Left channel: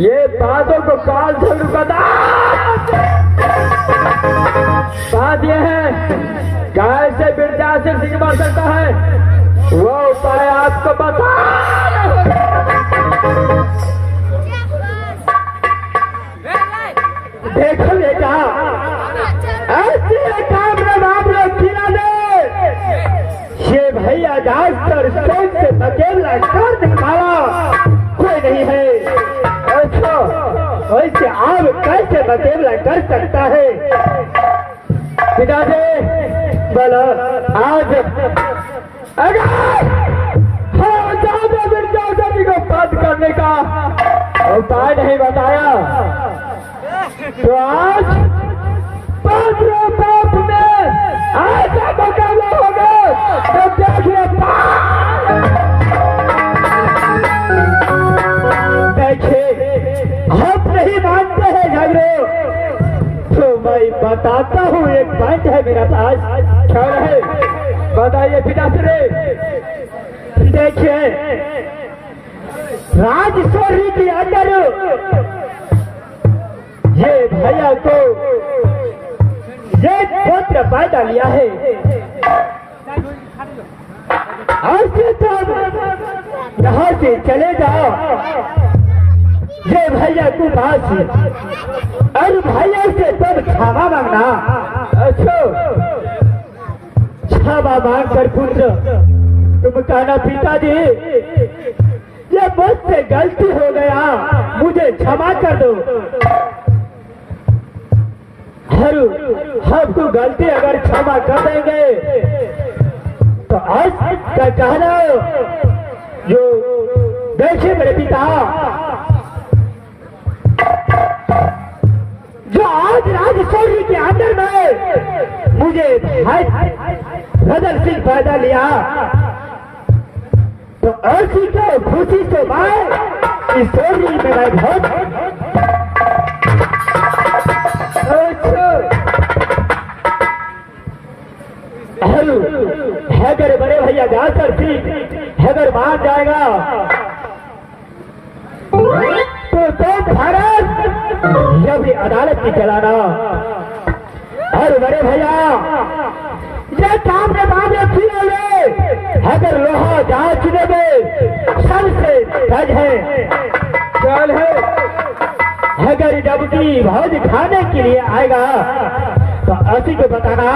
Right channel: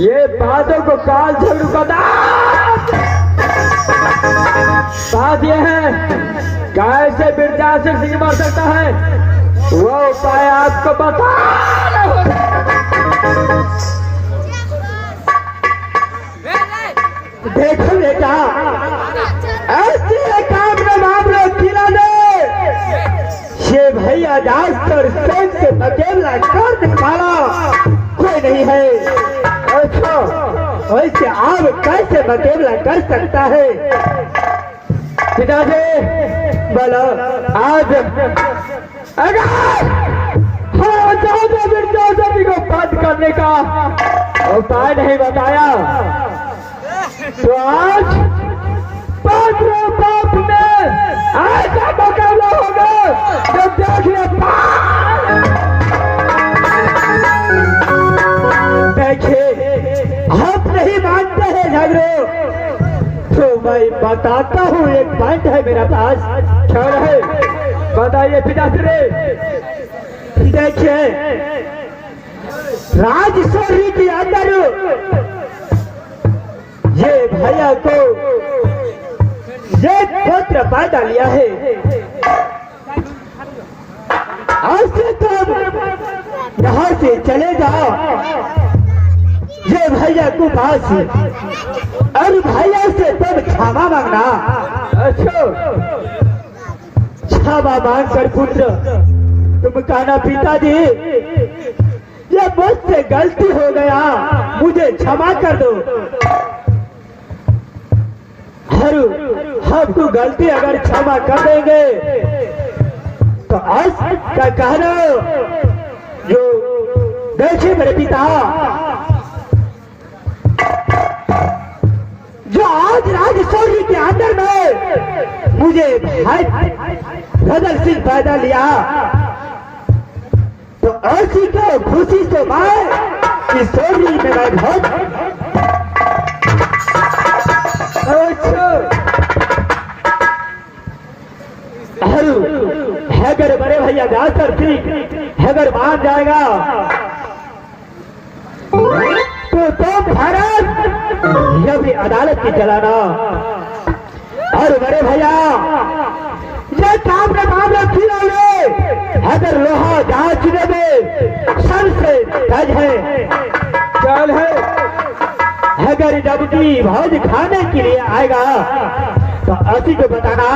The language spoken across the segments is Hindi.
ये बातों को काल झगड़ू का बात यह है कैसे बिरजा से सिंह मार सकता है वो उपाय आपको बता देखो बेटा, ऐसे काम में मामला खिला दे, ये भैया दास और संग से मुकाबला कर दिखाना कोई नहीं है। अच्छा, वैसे आप कैसे मुकाबला कर सकता है? पिताजी बोलो, आज अगर हमारा चाहता बिरजा सभी को बंद करने का उपाय नहीं बताया तो आज पांचवें बाप में ऐसा मुकाबला होगा तो देखिए। देखिए, हम नहीं मानते हैं झगड़े, तो मैं बताता हूँ। एक पॉइंट है मेरा पास, क्या है बताइए पिताश्री। देखिए, राजशोरी के अंदर ये भैया को ये पुत्र पैदा लिया है। आज से तुम यहाँ से चले जाओ ये भैया को पास, और भैया से तुम क्षमा मांगना। अच्छा, क्षमा मांग कर पुत्र तुम कहना पिताजी ये मुझसे गलती हो गया, मुझे क्षमा कर दो। हर हमको गलती अगर क्षमा कर देंगे तो आज का कहना जो देखिए मेरे पिता, जो आज राजशोरी के अंदर में मुझे भाई भदर सिंह पैदा लिया, तो ऐसी को खुशी से मैं इस सोनी में मैं बहुत अगर बड़े भैया जाकर सिंह अगर मान जाएगा तो तुम भारत ये भी अदालत की चलाना। और बड़े भैया ये काम में मामला फिरा ले, अगर लोहा जांच में सर से धज है चल है, अगर जबकि भोज खाने के लिए आएगा तो असी को बताना।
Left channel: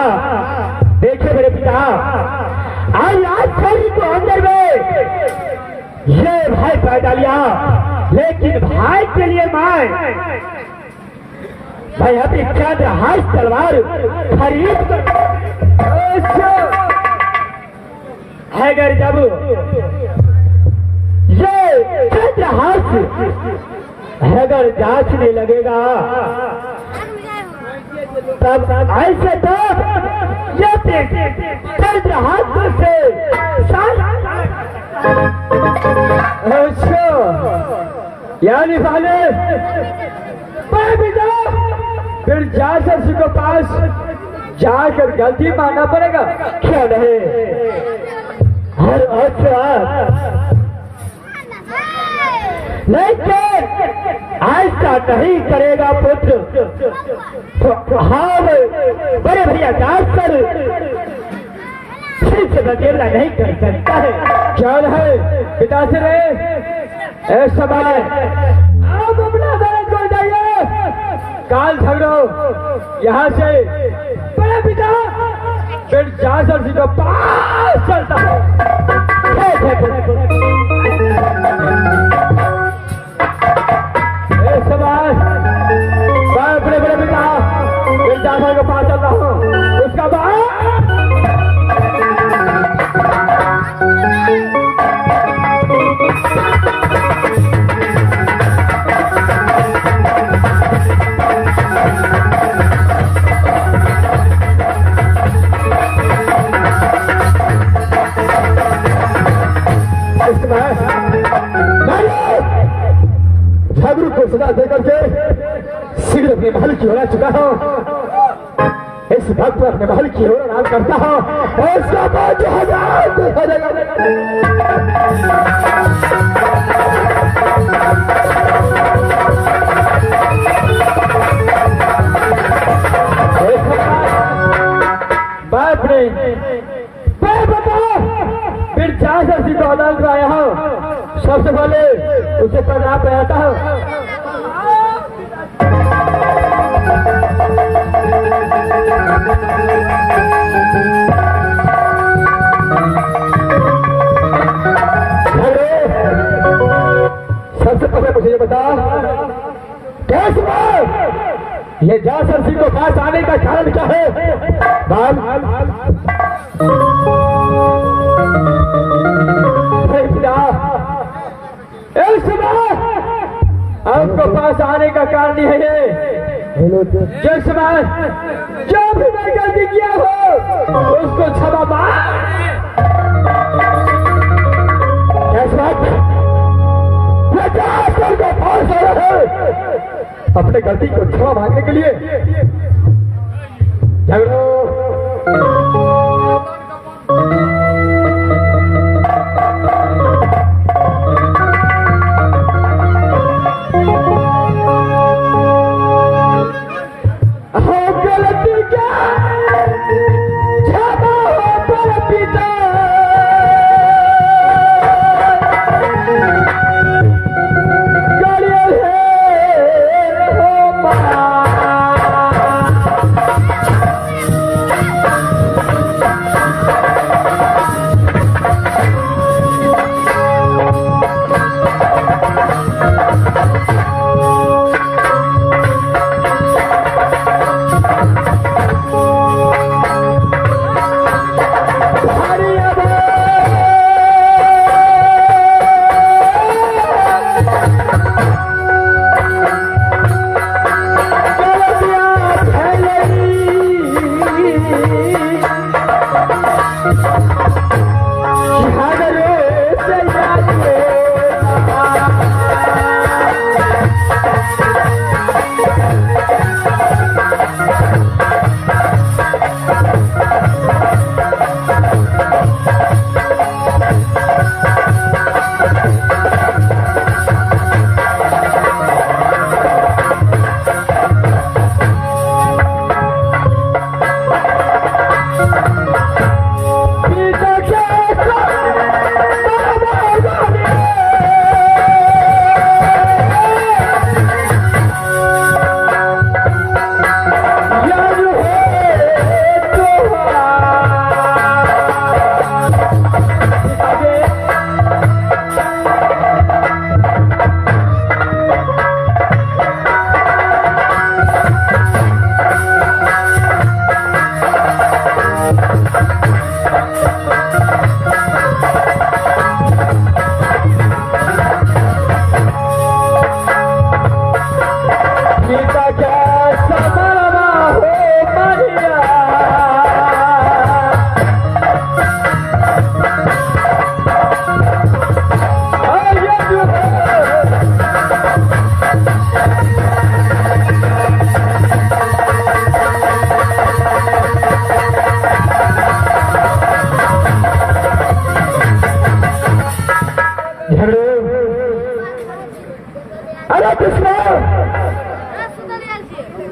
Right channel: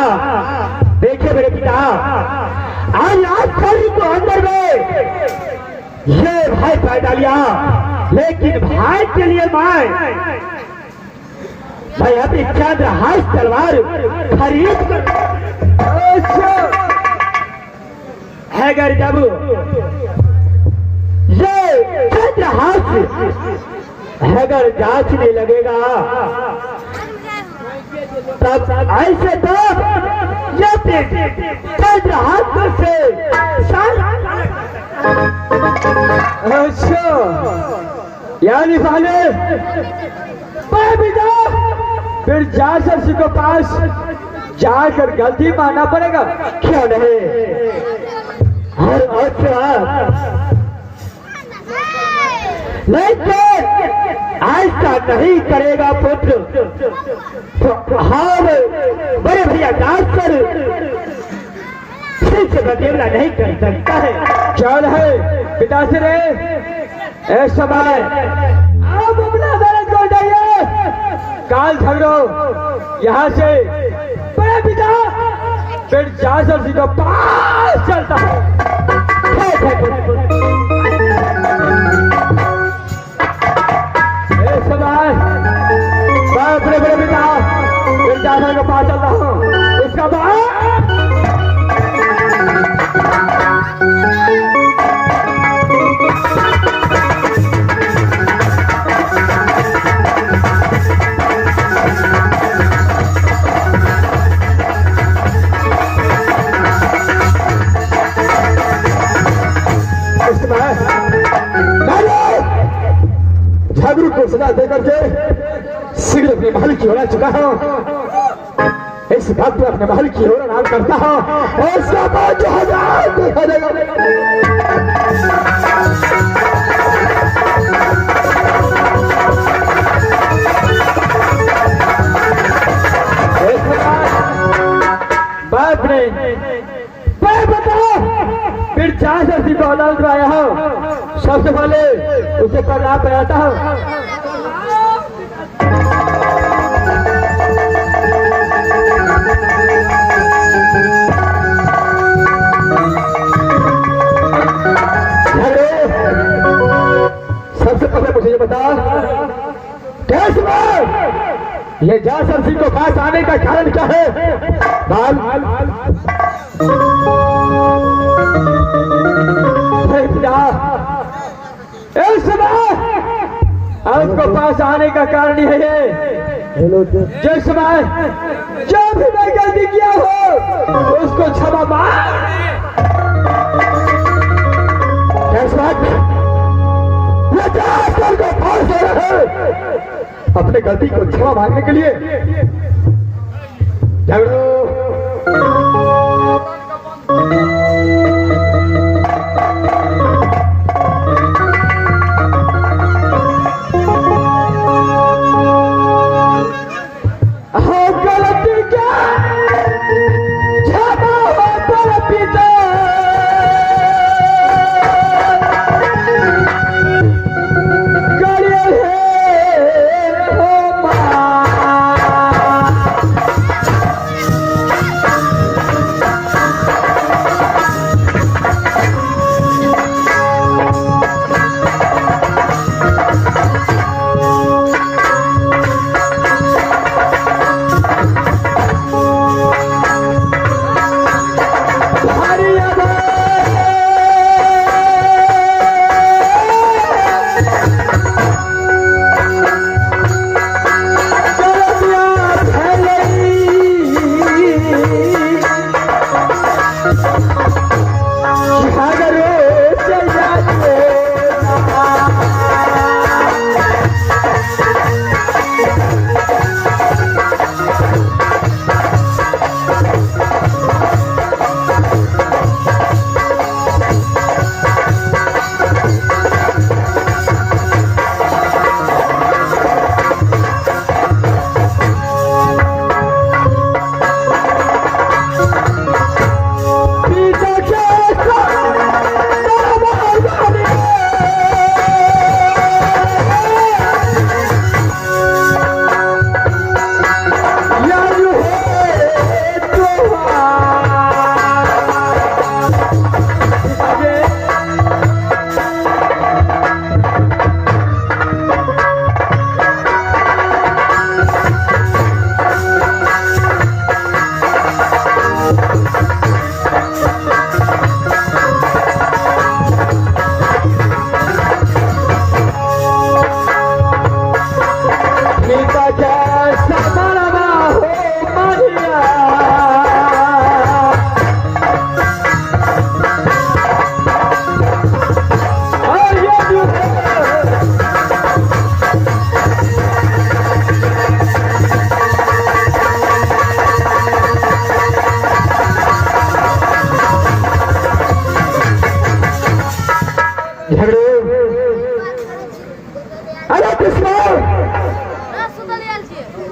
देखिए मेरे पिता, आज शरीर को अंदर में ये भाई पैदा लिया, लेकिन भाई के लिए मैं अपनी चंद्रहास तलवार खरीद कर अगर जब ये चंद्रहास अगर जांचने लगेगा तब ऐसे तब चंद्रहास से अच्छा यानी साले फिर जासर सिंह के पास जाकर गलती मानना पड़ेगा क्या नहीं? और अच्छा लेकिन ऐसा नहीं करेगा पुत्र तो हाँ बड़े भैया जासर सिंह से मुकाबला नहीं कर सकता है। क्या है पिताश्री, इस समय आप अपना अदालत को जाइए, काल झगड़ो यहाँ से बड़े पिता फिर जासर सिंह के पास चलता है। इस समय मैं अपने बड़े पिता फिर जासर के पास चलता हूँ, उसका बाद झगड़ू को सजा देकर के शीघ्र अपने महल की ओर चुका हूं। इस वक्त अपने महल की ओर नाम करता हूं और उसका बाद जो हजार देखा जाएगा। बाप ने फिर जासर सिंह को अदालत में आया हूं, सबसे पहले उसे पकड़ा पहनाता हूं। ये जासर सिंह को पास आने का कारण क्या है? बाल इस समय आपको पास आने का कारण यह है, जिस समय जो भी मैं गलती किया हो उसको क्षमा मांग। को पास आया है अपने गलती को क्षमा मांगने के लिए। झगड़ो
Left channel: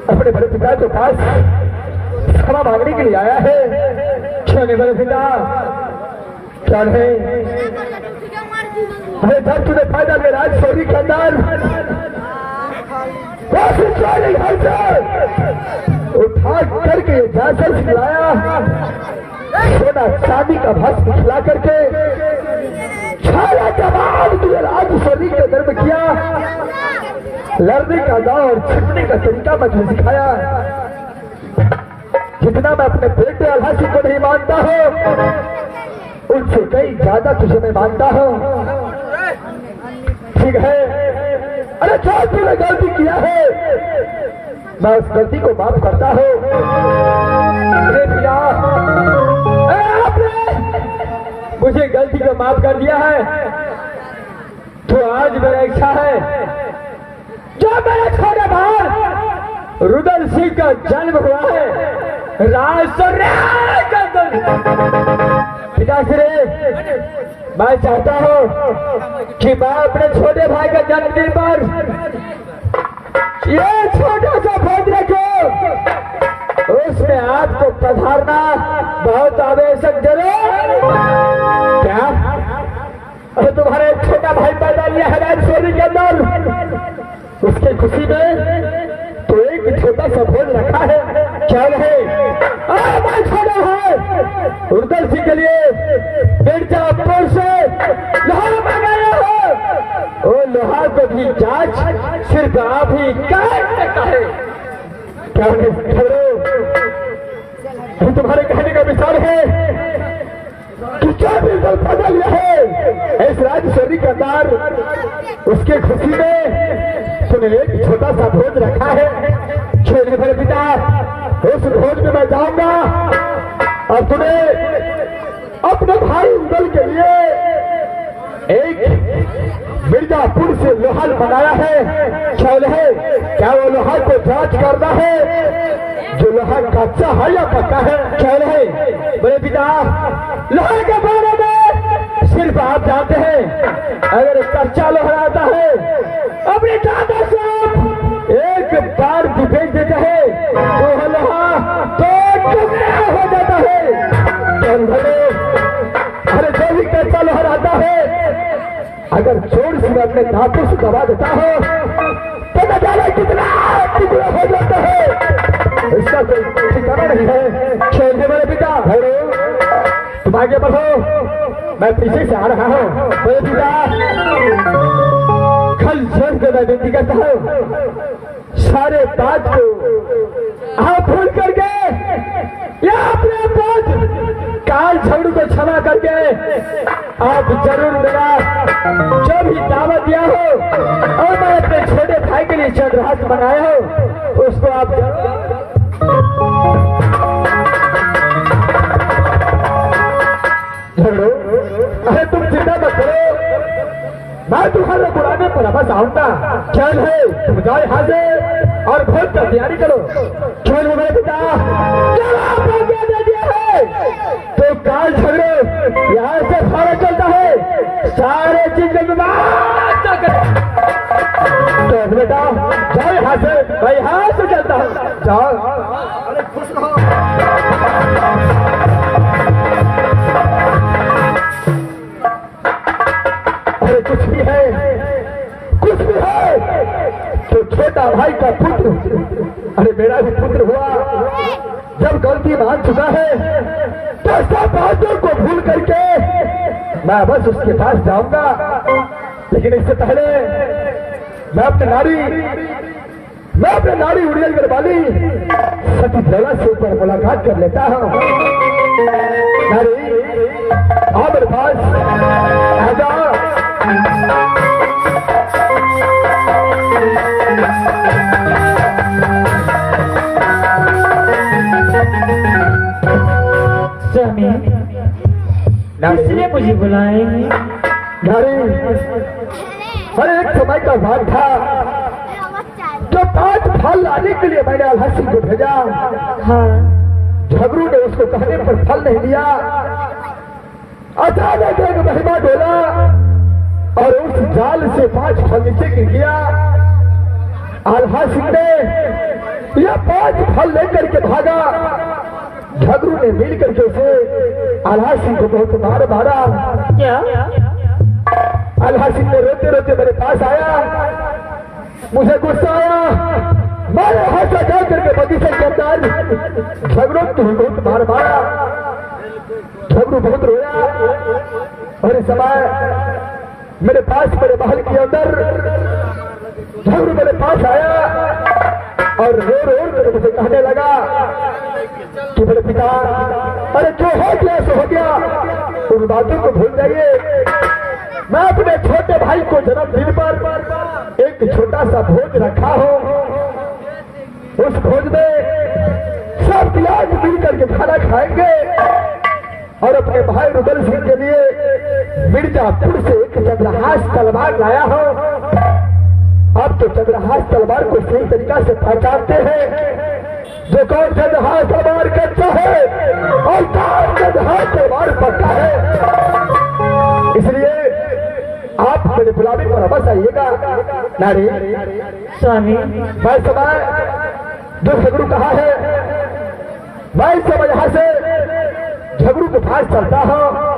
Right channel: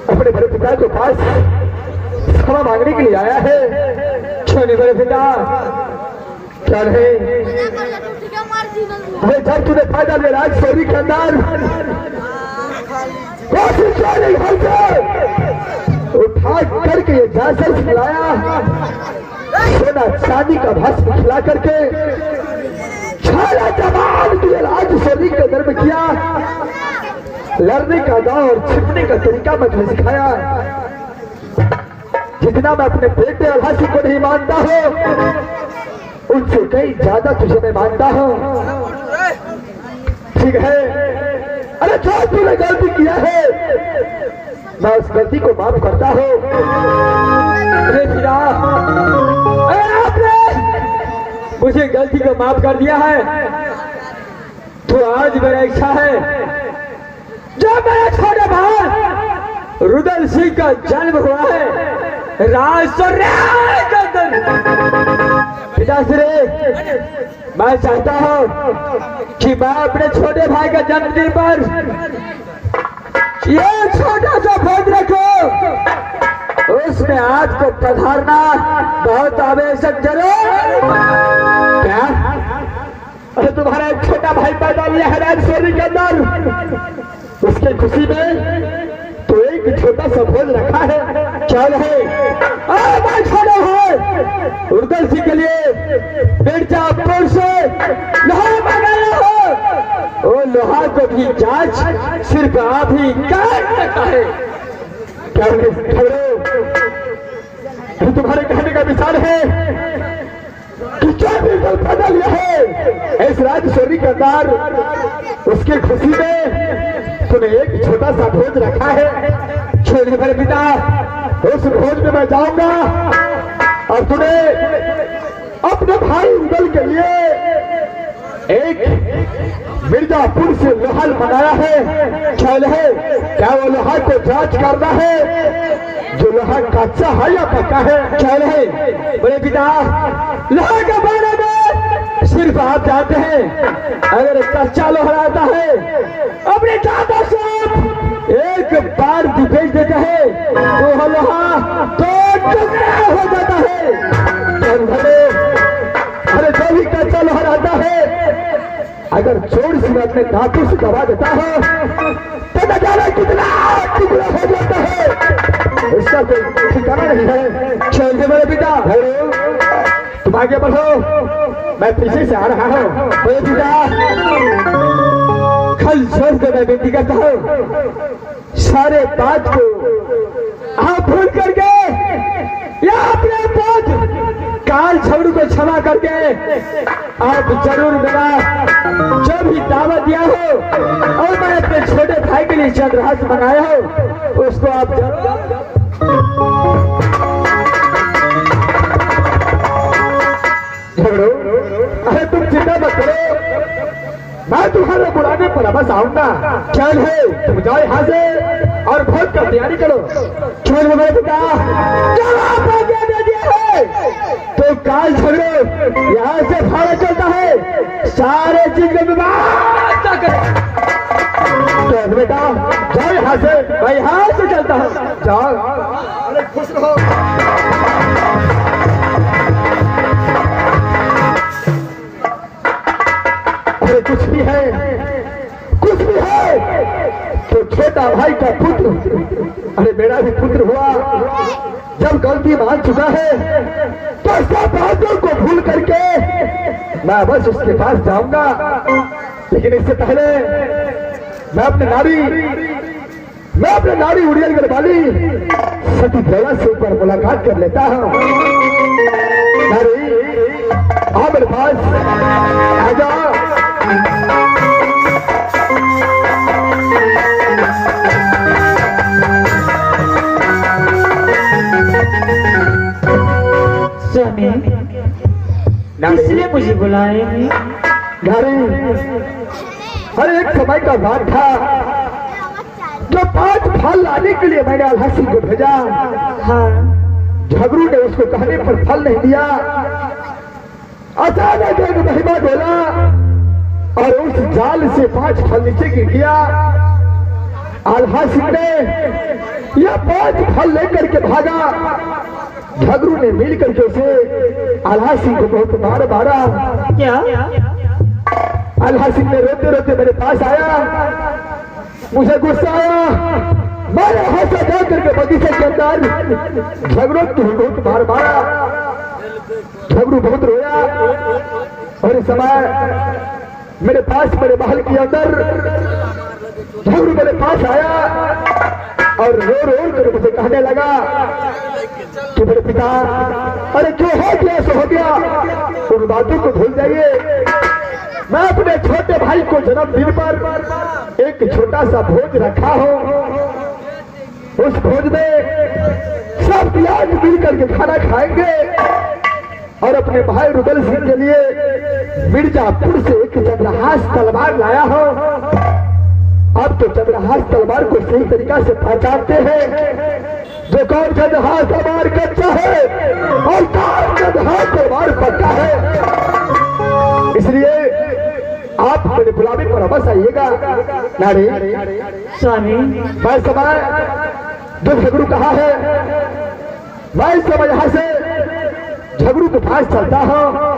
अपने बड़े पिता के पास क्षमा मांगने के लिए आया है। छोटे बड़े पिता क्या है? अरे जब तूने फायदा ले राज सोनी के अंदर कोशिश उठा करके ये जासर खिलाया, सोना चांदी का भस्म खिला करके छाया जवान तुझे राज सोनी के अंदर में किया। लड़ने का दाव और छिपने का तरीका मुझे सिखाया। जितना मैं अपने बेटे अल्हासी को नहीं मानता हूँ, उनसे कई ज्यादा तुझे मैं मानता हूँ। ठीक है, अरे जो तूने गलती किया है मैं उस गलती को माफ करता हूँ। अरे भैया, आपने मुझे गलती को माफ कर दिया है, तो आज मेरा इच्छा है जो मेरा छोटा भाई रुदल सिंह का जन्म हुआ है पिताश्री, मैं चाहता हूँ कि मैं अपने छोटे भाई का जन्मदिन पर ये छोटा सा भोज रखो, उसमें आपको पधारना बहुत आवश्यक जरूर। क्या अरे तुम्हारा एक छोटा भाई पैदा लिया है राजशोरी के अंदर, उसकी खुशी में तो एक छोटा सा भोज रखा है। चल है मैं छोड़ा है उर्दल सिंह के लिए मिर्जापुर से लोहा मंगाया हो, वो लोहा को भी जांच सिर्फ आप ही कर सकता है। क्या तो तुम्हारे कहने का विचार है कि क्या बिल्कुल बदल है इस राजशोरी के अंदर उसकी खुशी में तुम्हें एक छोटा सा भोज रखा है। छोड़िए मेरे पिता, उस भोज में मैं जाऊंगा और तुम्हें अपने भाई उदल के लिए एक मिर्जापुर से लोहार मंगाया है। चल है क्या वो लोहार को जांच करना है जो लोहा कच्चा है या पक्का है। चल है बड़े पिता, लोहा के बारे में सिर्फ आप जानते हैं। अगर कच्चा लोहा आता है अपने दादा से एक बार भी बेच देता है तो लोहा तो टुकड़ा हो जाता है। अरे जो भी कच्चा लोहा आता है अगर जोर से अपने दांतों से दबा देता है तो न जाने कितना टुकड़ा हो जाता है। इसका कोई ठिकाना नहीं है। छोड़िए मेरे पिता, तुम आगे बढ़ो, मैं पीछे से आ रहा हूँ। मेरे पिता कल जोर से मैं विनती करता हूँ, सारे बात को आप भूल करके या अपने बात काल झगड़ू को क्षमा करके आप जरूर मेरा जो भी दावा दिया हो और मैं अपने छोटे भाई के लिए चंद्रहास बनाया हो उसको आप झगड़ो। अरे तुम चिंता मत करो, मैं तुम्हारे बुलाने पर वापस आऊंगा। चल है तुम जाओ यहाँ से और भोज का तैयारी करो। चल मेरे पिता, चलो आप आज्ञा दे दिया है तो काल झगड़ो यहाँ से भाड़ा चलता है, सारे चीज में व्यवस्था करो। तो बेटा जाओ यहाँ से, मैं यहाँ से चलता हूँ। जाओ, अरे खुश रहो। अरे कुछ भी है तो छोटा भाई का पुत्र, अरे मेरा भी पुत्र हुआ, जब गलती मान चुका है तो सब बातों को भूल करके मैं बस उसके पास जाऊंगा। लेकिन इससे पहले मैं अपने नारी उड़ियल वाली सती देवा से ऊपर मुलाकात कर लेता हूँ। नारी आओ मेरे पास, आ जाओ। स्वामी, इसलिए मुझे बुलाए हैं? हर एक समय का बात था जो 5 फल लाने के लिए मैंने अलहसी को भेजा। हाँ, झगड़ू ने उसको कहने पर फल नहीं दिया। अचानक एक महिमा डोला और उस जाल से 5 फल नीचे गिर गया। आल्हा सिंह ने यह 5 फल लेकर के भागा। झगड़ू ने मिल करके उसे आल्हा सिंह को बहुत मारा। क्या? आल्हा सिंह ने रोते रोते मेरे पास आया, मुझे गुस्सा आया, मारे हाथ से जा करके बगीचे के अंदर झगड़ू तुम्हें बहुत मारा। झगड़ू बहुत रोया और इस समय मेरे पास मेरे महल के अंदर झगड़ू मेरे पास आया और रो कर मुझे कहने लगा कि मेरे पिता, अरे जो हो गया सो हो गया, उन बातों को भूल जाइए। मैं अपने छोटे भाई को जन्मदिन पर एक छोटा सा भोज रखा हूँ। उस भोज में सब याद मिल करके खाना खाएंगे और अपने भाई रुदल सिंह के लिए मिर्जापुर से एक चंद्रहास तलवार लाया हूँ। आप तो चंद्रहास तलवार को सही तरीका से पहचानते हैं, जो कौन चंद्रहास तलवार कच्चा है और कौन चंद्रहास तलवार पक्का है। इसलिए आप मेरे बुलावे पर वापस आइएगा। नारी स्वामी, मैं समय जो झगड़ू कहा है मैं समय यहाँ से झगड़ू के पास चलता हूँ।